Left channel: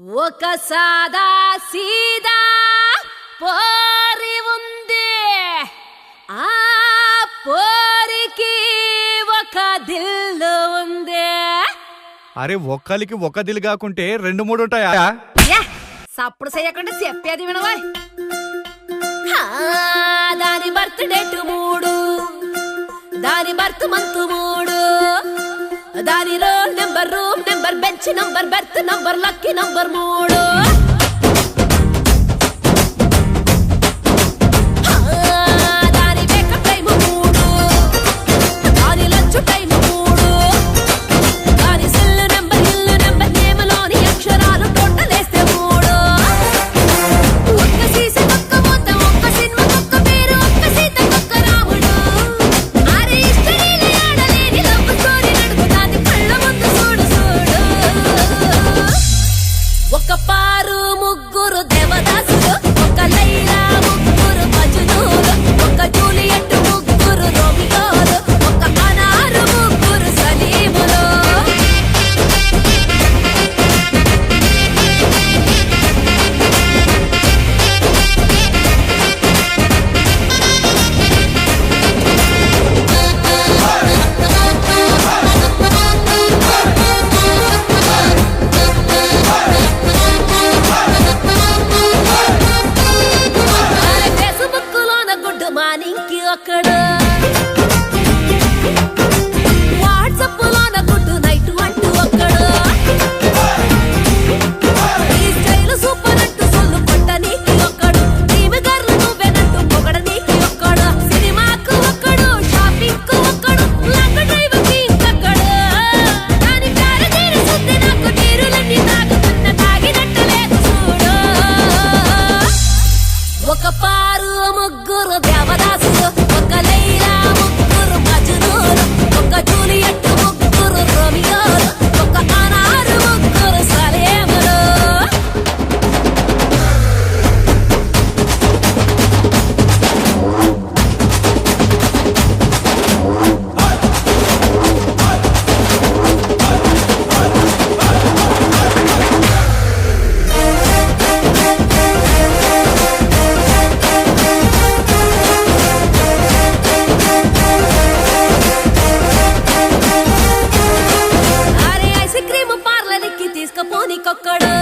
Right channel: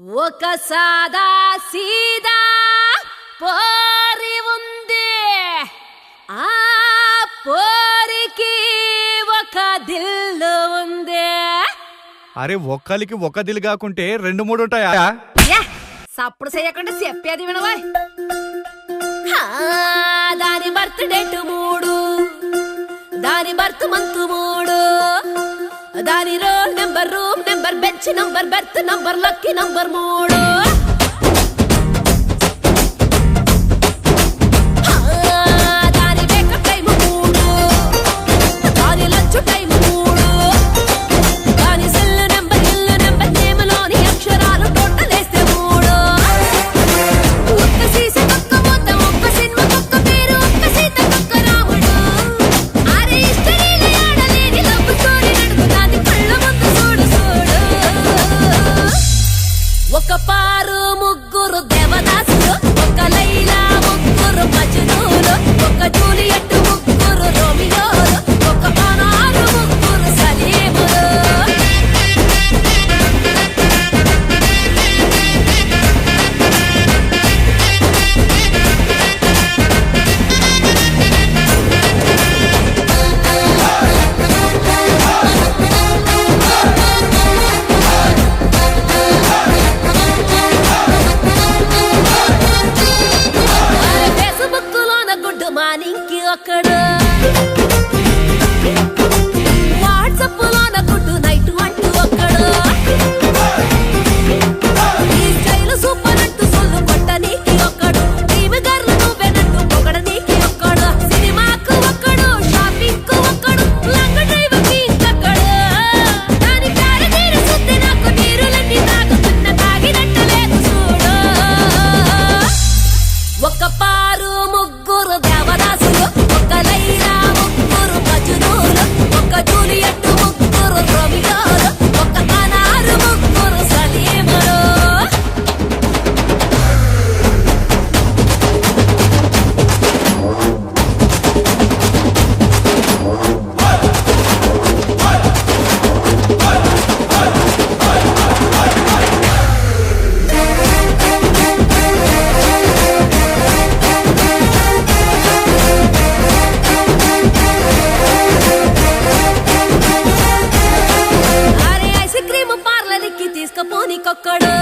ఒక సాదా సీదా పోరి ఉంది, ఆ పోరికి ఒక దిల్లు ఉంది. అరే ఒక్కలికి ఒక దిల్ కాకుంటే రెండు మూడు ఉంటాయా? సప్పుడు చేయకుండా చెప్పేది వినవా. దాని బర్త్ డేట్ 3, దాని బర్త్ మంత్ 3, దాని roll number, room number, bench number, berth number, lucky number 3. దాని వేకప్ టైం 3, దాని లంచ్ టైం 3, దాని సెల్ నెంబర్, ఇల్లు నెంబర్, నేమ్లోని అక్షరాలు టోటల్ వేస్తే 3. ఒక్క సీసీ ఒక్క మూత, ఒక్క సినిమా ఒక్క పేరు, ఒక్క సీత ఒక్క రాముడు. అరే హిస్టరీలో ఆడలేని లవ్ స్టోరీ నడుపుతాంది కళ్ళ ముందు చూడు చూడు. ఒక పారు ముగ్గురు దేవదాసులు, ఒక లైలా ముగ్గురు మజ్నూలు, ఒక జూలియట్ ముగ్గురు రోమియోలు, ఒక మనారు ముగ్గురు సలీములు. అరే ఫేస్బుక్ లోన గుడ్ మార్నింగ్ కి ఒక్కడు, వాట్సాప్ లోన గుడ్ నైట్ అంటూ ఒక్కడు, ఈ స్టైల్ సూపర్ అంటూ సొల్లు కొట్ట నీకి ఒక్కడు, టీమ్ గర్లు నువ్వేనంటూ పొగడ నీకి ఒక్కడు, సినిమాకు ఒక్కడు, షాపింగ్ కు ఒక్కడు, లాంగ్ డ్రైవ్ కి ఇంకొక్కడు. దాని ప్యార తీరు సుద్ది నాకు నీరులన్నీ తాగుతున్న తాగినట్టు లేదు చూడు. ఒక పారు ముగ్గురు దేవదాసులు, ఒక లైలా ముగ్గురు మజ్నూలు, ఒక జూలియట్ ముగ్గురు రోమియోలు, ఒక మనారు ముగ్గురు సలీములు. అరే ఐస్ క్రీమ్ పార్లర్కి తీసుకుపోనికొక్కడు,